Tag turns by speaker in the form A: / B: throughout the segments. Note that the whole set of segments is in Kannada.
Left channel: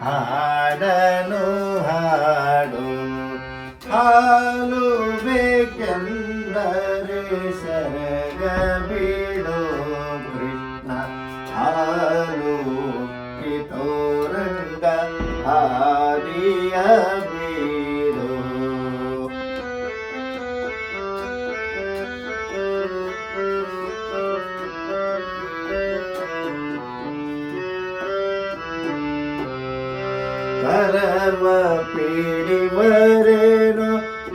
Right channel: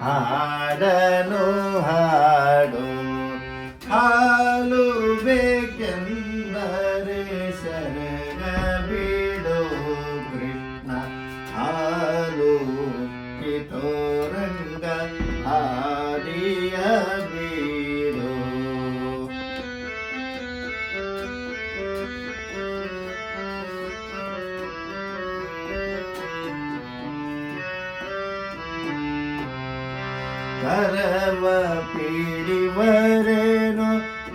A: ಹಾಡನು ಹಾಡು ಹಾಲು ಬೇಕೆಂದರೆ ಶರಣ ಬಿಡೋ ಕೃಷ್ಣ ಹಾಲು ಕಿತೋರಂಗ ಆದಿಯ ಪರಮ ಪಿಡಿವರೇನು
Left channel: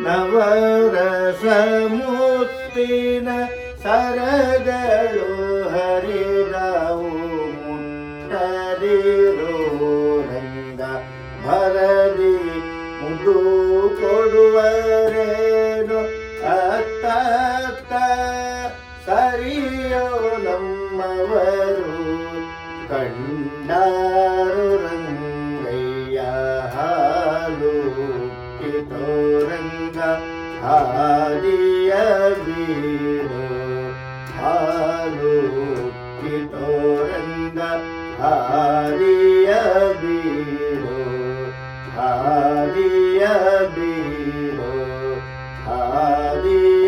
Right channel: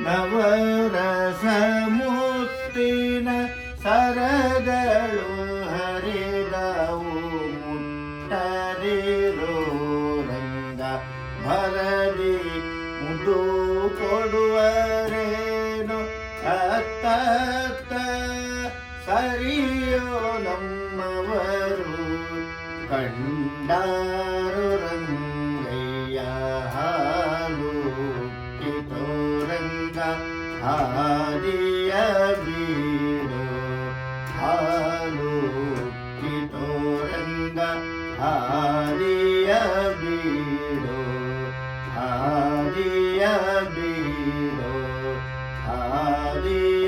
A: ನವರಸ ಮುತ್ತಿನ ಸರಗಳು ಹರಿರವು ಮುಟ್ಟದಿರೋ ರಂಗ ಭರದಿ ಮುದು ಕೊಡುವರೇನು ಅತ್ತ ಸರಿಯೋ ನಮ್ಮವರು ಕಂಡಾರು ರಂಗಯ್ಯ গোবিন্দ হারিয়া বীর আলোকিত রঙ্গ হারিয়া বীর হারিয়া বীর হারিয়া